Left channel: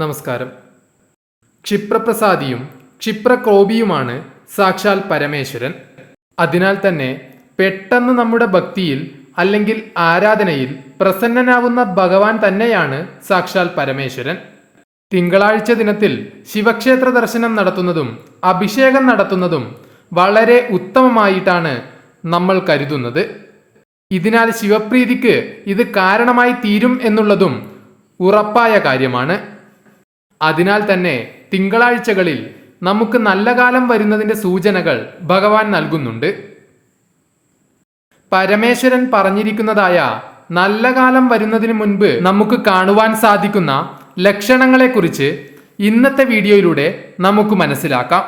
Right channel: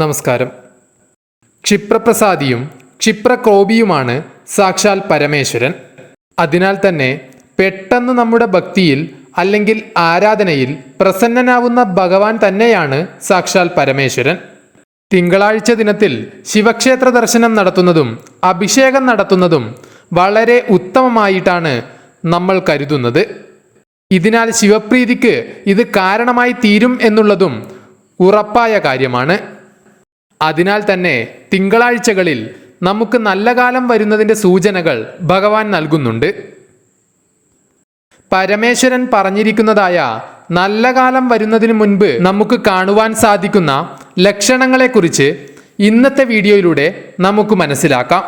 നമസ്കാരം. ക്ഷിപ്രപ്രസാദിയും ക്ഷിപ്രക്രോപിയുമാണ് സാക്ഷാൽ പരമേശ്വരൻ. അതിനാൽ തന്നെ പെട്ടെന്ന് നമ്മുടെ ഭക്തിയിൽ അല്ലെങ്കിൽ ആരാധനയിൽ പ്രസന്നനാവുന്ന ഭഗവാൻ തന്നെയാണ് സാക്ഷാൽ പരമേശ്വരൻ. തിങ്കളാഴ്ച ദിനത്തിൽ ശിവക്ഷേത്ര ദർശനം നടത്തുന്നതും അഭിഷേകം നടത്തുന്നതും വളരെ ഉത്തമമായിട്ടാണ് നമ്മൾ കരുതുന്നത്. ഇതിനാൽ ശിവപ്രീതിക്ക് ഇത് കാരണമായി തീരും എന്നുള്ളതും ഉറപ്പായ കാര്യമാണ്. അതിനാൽ തന്നെ തിങ്കളാഴ്ചകളിൽ നമുക്ക് നല്ല കാലം വരുന്നതിന്റെ സൂചനകൾ ഭഗവാൻ നൽകുന്നുണ്ട്. പരമേശ്വരൻ പറഞ്ഞിരിക്കുന്നതായ നല്ല കാലം വരുന്നതിന് മുൻപ് നമുക്ക് കാണുവാൻ സാധിക്കുന്ന ലക്ഷണങ്ങളെക്കുറിച്ച് ഇന്നത്തെ വീഡിയോയിലൂടെ നമുക്ക് മനസ്സിലാക്കാം.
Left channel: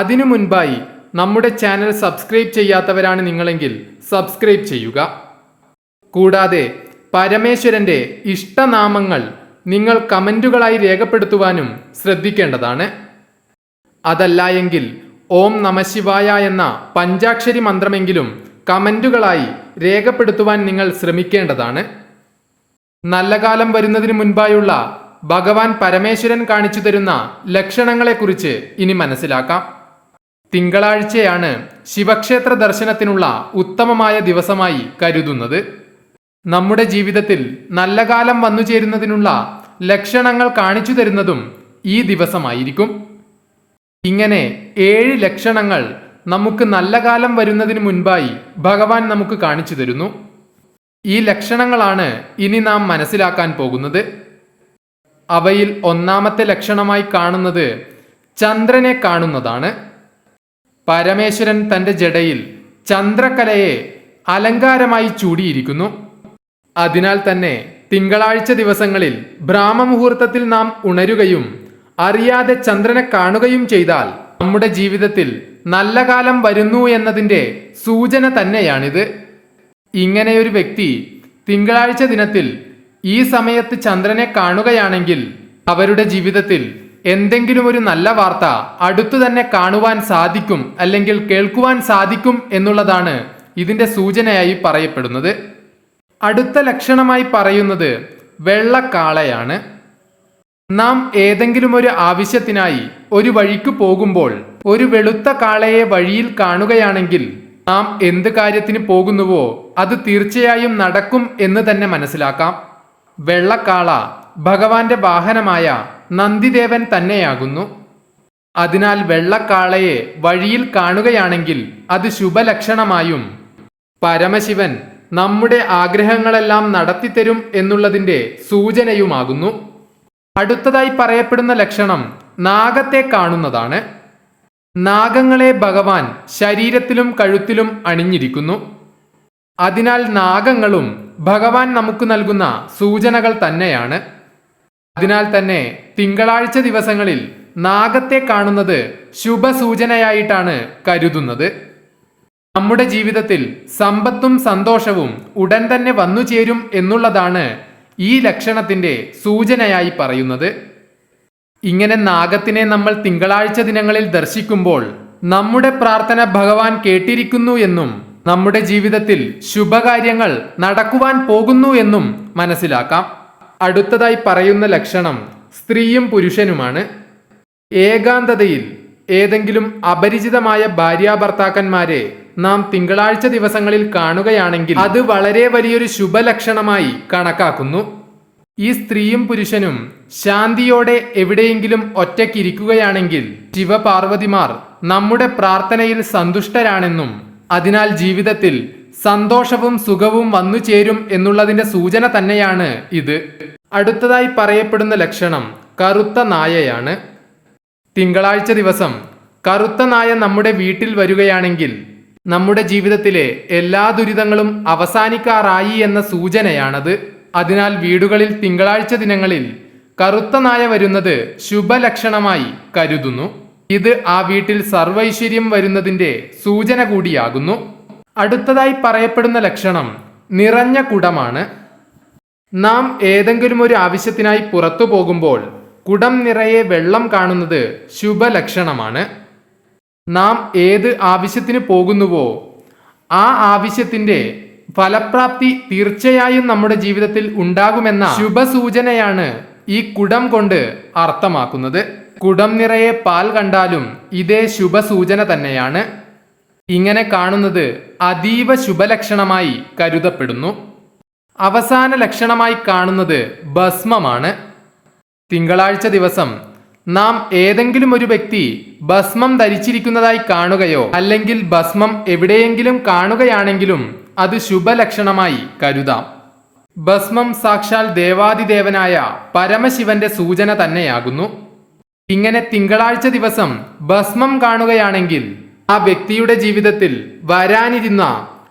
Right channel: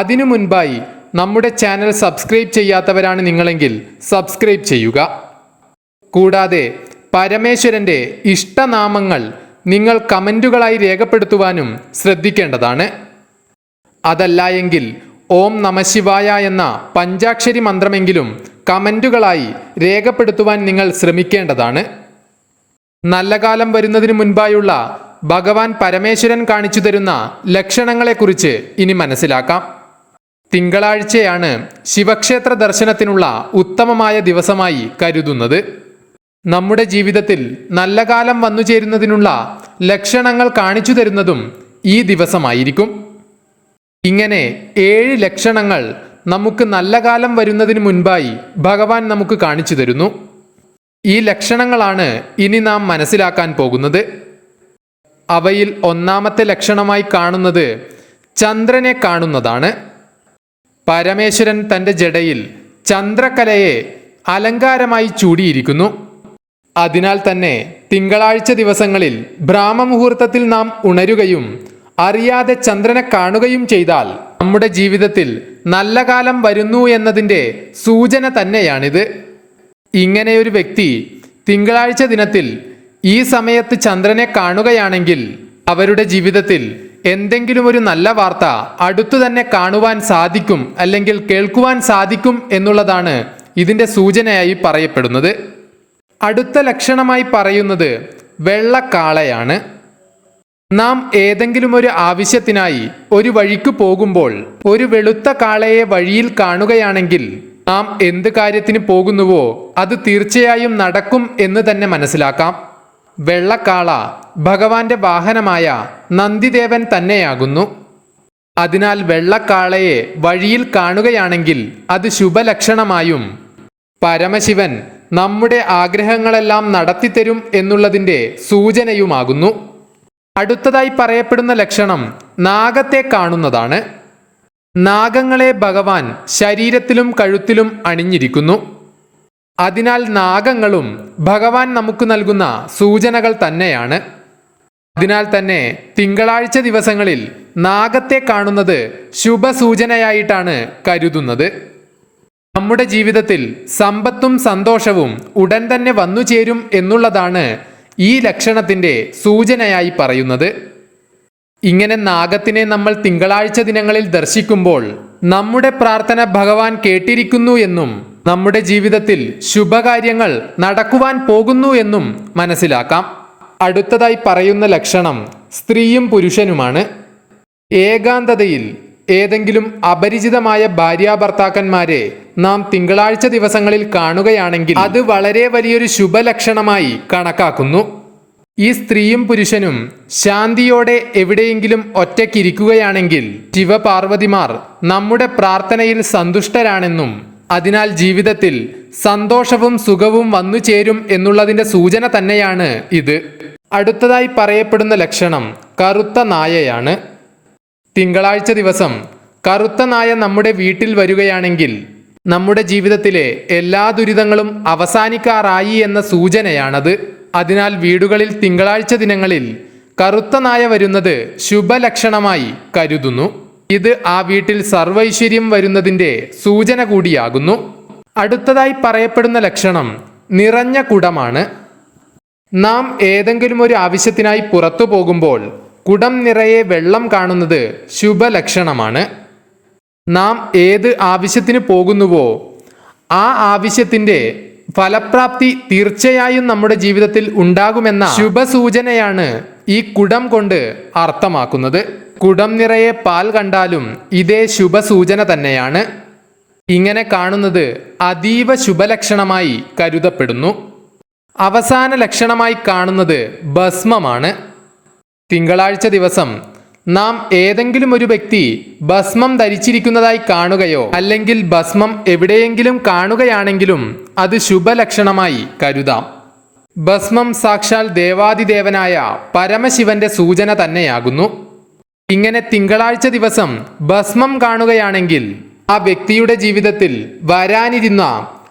അതിനു മുൻപായി നമ്മുടെ ചാനൽ സബ്സ്ക്രൈബ് ചെയ്യാത്തവരാണ് നിങ്ങളെങ്കിൽ സബ്സ്ക്രൈബ് ചെയ്യുക. കൂടാതെ പരമേശ്വരന്റെ ഇഷ്ടനാമങ്ങൾ നിങ്ങൾ കമന്റുകളായി രേഖപ്പെടുത്തുവാനും ശ്രദ്ധിക്കേണ്ടതാണ്. അതല്ല എങ്കിൽ ഓം നമശിവായ എന്ന പഞ്ചാക്ഷരി മന്ത്രമെങ്കിലും കമന്റുകളായി രേഖപ്പെടുത്തുവാൻ നിങ്ങൾ ശ്രമിക്കേണ്ടതാണ്. നല്ല കാലം വരുന്നതിന് മുൻപായുള്ള ഭഗവാൻ പരമേശ്വരൻ കാണിച്ചു തരുന്ന ലക്ഷണങ്ങളെക്കുറിച്ച് ഇനി മനസ്സിലാക്കാം. തിങ്കളാഴ്ചയാണ് ശിവക്ഷേത്ര ദർശനത്തിനുള്ള ഉത്തമമായ ദിവസമായി കരുതുന്നത്. നമ്മുടെ ജീവിതത്തിൽ നല്ല കാലം വന്നു ചേരുന്നതിനുള്ള ലക്ഷണങ്ങൾ കാണിച്ചു തരുന്നതും ഈ ദിവസമായിരിക്കും. ഇങ്ങനെ ഏഴ് ലക്ഷണങ്ങൾ നമുക്ക് നല്ല കാലം വരുന്നതിന് മുൻപായി ഭഗവാൻ നമുക്ക് കാണിച്ചു തരുന്നു. ഈ ലക്ഷണങ്ങളാണ് ഇനി നാം മനസ്സിലാക്കാൻ പോകുന്നത്. അവയിൽ ഒന്നാമത്തെ ലക്ഷണമായി കാണുന്നത് ചന്ദ്രനെ കാണുന്നതാണ്. പരമേശ്വരൻ തന്റെ ജടയിൽ ചന്ദ്രകലയെ അലങ്കാരമായി ചൂടിയിരിക്കുന്നു. അതിനാൽ തന്നെ തിങ്കളാഴ്ച ദിവസങ്ങളിൽ ബ്രാഹ്മമുഹൂർത്തത്തിൽ നാം ഉണരുകയും അറിയാതെ ചന്ദ്രനെ കാണുകയും ചെയ്താൽ നമ്മുടെ ജീവിതത്തിൽ നല്ല കാലം വരുന്നു എന്നതിന്റെ സൂചന തന്നെയാണിത്. ഇങ്ങനെയൊരു വ്യക്തി തിങ്കളാഴ്ച ദിനത്തിൽ ഈ സമയത്ത് ചന്ദ്രനെ കാണുകയാണെങ്കിൽ അവരുടെ ജീവിതത്തിൽ എന്തെങ്കിലും ഒരു നല്ല വാർത്ത അടുത്തു തന്നെ കാണുവാൻ സാധിക്കും അല്ലെങ്കിൽ കേൾക്കുവാൻ സാധിക്കും എന്നുള്ളതാണ് ഇതിന്റെ സൂചനയായി പറയപ്പെടുന്നത്. അടുത്ത ലക്ഷണമായി പറയുന്നത് വെള്ളക്കാളയാണ്. നാം ഏതെങ്കിലും ഒരു ആവശ്യത്തിനായി ഒരു വഴിക്ക് പോകുമ്പോൾ ഒരു വെളുത്ത കാളയെ വഴിയിൽ കാണുകയാണെങ്കിൽ നാം എന്ത് കാര്യത്തിന് പോകുന്നുവോ അത് തീർച്ചയായും നടക്കും എന്ന് തന്നെ മനസ്സിലാക്കാം. വെള്ളക്കാള ഭഗവാന്റെ വാഹനമായ നന്ദിദേവൻ തന്നെയാകുന്നു. അതിനാൽ വെള്ളക്കാളയെ വഴിയിൽ കാണുകയാണെങ്കിൽ അത് ശുഭലക്ഷണമായും പരമശിവൻ നമ്മുടെ ആഗ്രഹങ്ങളെല്ലാം നടത്തിത്തരും എന്നുള്ളതിന്റെ സൂചനയുമാകുന്നു. അടുത്തതായി പറയപ്പെടുന്ന ലക്ഷണം നാഗത്തെ കാണുന്നതാണ്. നാഗങ്ങളെ ഭഗവാൻ ശരീരത്തിലും കഴുത്തിലും അണിഞ്ഞിരിക്കുന്നു. അതിനാൽ നാഗങ്ങളും ഭഗവാൻ നമുക്ക് നൽകുന്ന സൂചനകൾ തന്നെയാണ്. അതിനാൽ തന്നെ തിങ്കളാഴ്ച ദിവസങ്ങളിൽ നാഗത്തെ കാണുന്നത് ശുഭസൂചനയായിട്ടാണ് കരുതുന്നത്. നമ്മുടെ ജീവിതത്തിൽ സമ്പത്തും സന്തോഷവും ഉടൻ തന്നെ വന്നു ചേരും എന്നുള്ളതാണ് ഈ ലക്ഷണത്തിന്റെ സൂചനയായി പറയുന്നത്. ഇങ്ങനെ നാഗത്തിനെ നമ്മൾ തിങ്കളാഴ്ച ദിനങ്ങളിൽ ദർശിക്കുമ്പോൾ നമ്മുടെ പ്രാർത്ഥന ഭഗവാൻ കേട്ടിരിക്കുന്നു എന്നും നമ്മുടെ ജീവിതത്തിൽ ശുഭകാര്യങ്ങൾ നടക്കുവാൻ പോകുന്നു എന്നും മനസ്സിലാക്കാം. അടുത്തതായി പറയുന്ന ലക്ഷണം സ്ത്രീയും പുരുഷനുമാണ്. ഏകാന്തതയിൽ ഏതെങ്കിലും അപരിചിതമായ ഭാര്യാഭർത്താക്കന്മാരെ നാം തിങ്കളാഴ്ച ദിവസങ്ങളിൽ കാണുകയാണെങ്കിൽ അത് വളരെ വലിയൊരു ശുഭലക്ഷണമായി കണക്കാക്കുന്നു. ഈ സ്ത്രീയും പുരുഷനും ശാന്തിയോടെ എവിടെയെങ്കിലും ഒറ്റയ്ക്കിരിക്കുകയാണെങ്കിൽ ശിവപാർവതിമാർ നമ്മുടെ പ്രാർത്ഥനയിൽ സന്തുഷ്ടരാണെന്നും അതിനാൽ ജീവിതത്തിൽ സന്തോഷവും സുഖവും വന്നു ചേരും എന്നുള്ളതിന്റെ സൂചന തന്നെയാണ് ഇത്. അടുത്തതായി പറയപ്പെടുന്ന ലക്ഷണം കറുത്ത നായയാണ്. തിങ്കളാഴ്ച ദിവസം കറുത്ത നായ നമ്മുടെ വീട്ടിൽ വരികയാണെങ്കിൽ നമ്മുടെ ജീവിതത്തിലെ എല്ലാ ദുരിതങ്ങളും അവസാനിക്കാറായി എന്ന സൂചനയാണത്. അതിനാൽ വീടുകളിൽ തിങ്കളാഴ്ച ദിനങ്ങളിൽ കറുത്ത നായ വരുന്നത് ശുഭലക്ഷണമായി കരുതുന്നു. ഇത് ആ വീട്ടിൽ സർവൈശ്വര്യം വരുന്നതിന്റെ സൂചന കൂടിയാകുന്നു. അടുത്തതായി പറയപ്പെടുന്ന ലക്ഷണം നിറഞ്ഞ കുടമാണ്. നാം ഏതെങ്കിലും ഒരു ആവശ്യത്തിനായി പുറത്തു പോകുമ്പോൾ കുടം നിറയെ വെള്ളം കാണുന്നത് ശുഭലക്ഷണമാണ്. നാം ഏത് ആവശ്യത്തിന് പോകുന്നുവോ ആ ആവശ്യത്തിന്റെ ഫലപ്രാപ്തി തീർച്ചയായും നമ്മുടെ ജീവിതത്തിൽ ഉണ്ടാകുമെന്ന ശുഭസൂചനയാണ് ഈ കുടം കൊണ്ട് അർത്ഥമാക്കുന്നത്. കുടം നിറയെ പാൽ കണ്ടാലും ഇതേ ശുഭസൂചന തന്നെയാണ്. ഇങ്ങനെ കാണുന്നത് അതീവ ശുഭലക്ഷണമായി കരുതപ്പെടുന്നു. അവസാന ലക്ഷണമായി കാണുന്നത് ഭസ്മമാണ്. തിങ്കളാഴ്ച ദിവസം നാം ഏതെങ്കിലും ഒരു വ്യക്തി ഭസ്മം ധരിച്ചിരിക്കുന്നതായി കാണുകയോ അല്ലെങ്കിൽ ഭസ്മം എവിടെയെങ്കിലും കാണുകയാണെങ്കിലും അത് ശുഭലക്ഷണമായി കരുതാം. ഭസ്മം സാക്ഷാൽ ദേവാദിദേവനായ പരമശിവന്റെ സൂചന തന്നെയാകുന്നു. ഇങ്ങനെ തിങ്കളാഴ്ച ദിവസം ഭസ്മം കാണുകയാണെങ്കിൽ ആ വ്യക്തിയുടെ ജീവിതത്തിൽ വരാനിരുന്ന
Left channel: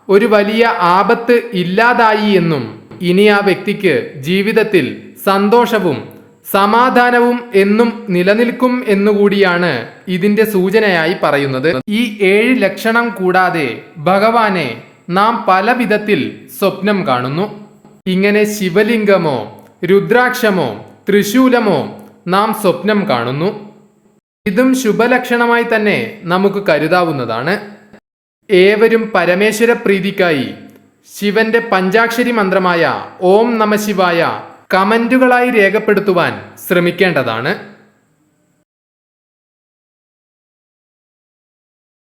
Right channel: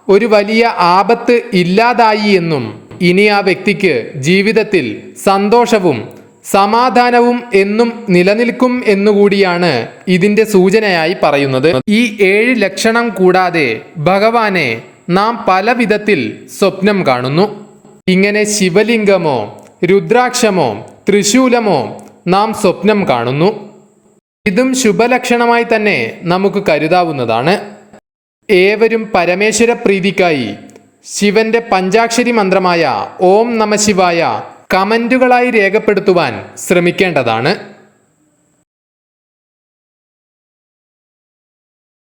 ഒരു വലിയ ആപത്ത് ഇല്ലാതായി എന്നും ഇനി ആ വ്യക്തിക്ക് ജീവിതത്തിൽ സന്തോഷവും സമാധാനവും എന്നും നിലനിൽക്കും എന്നുകൂടിയാണ് ഇതിന്റെ സൂചനയായി പറയുന്നത്. ഈ ഏഴ് ലക്ഷണം കൂടാതെ ഭഗവാനെ നാം പല വിധത്തിൽ സ്വപ്നം കാണുന്നു. ഇങ്ങനെ ശിവലിംഗമോ രുദ്രാക്ഷമോ ത്രിശൂലമോ നാം സ്വപ്നം കാണുന്നു. ഇതും ശുഭലക്ഷണമായി തന്നെ നമുക്ക് കരുതാവുന്നതാണ്. ഏവരും പരമേശ്വര പ്രീതിക്കായി ശിവന്റെ പഞ്ചാക്ഷരി മന്ത്രമായ ഓം നമ ശിവായ കമന്റുകളായി രേഖപ്പെടുത്തുവാൻ ശ്രമിക്കേണ്ടതാണ്.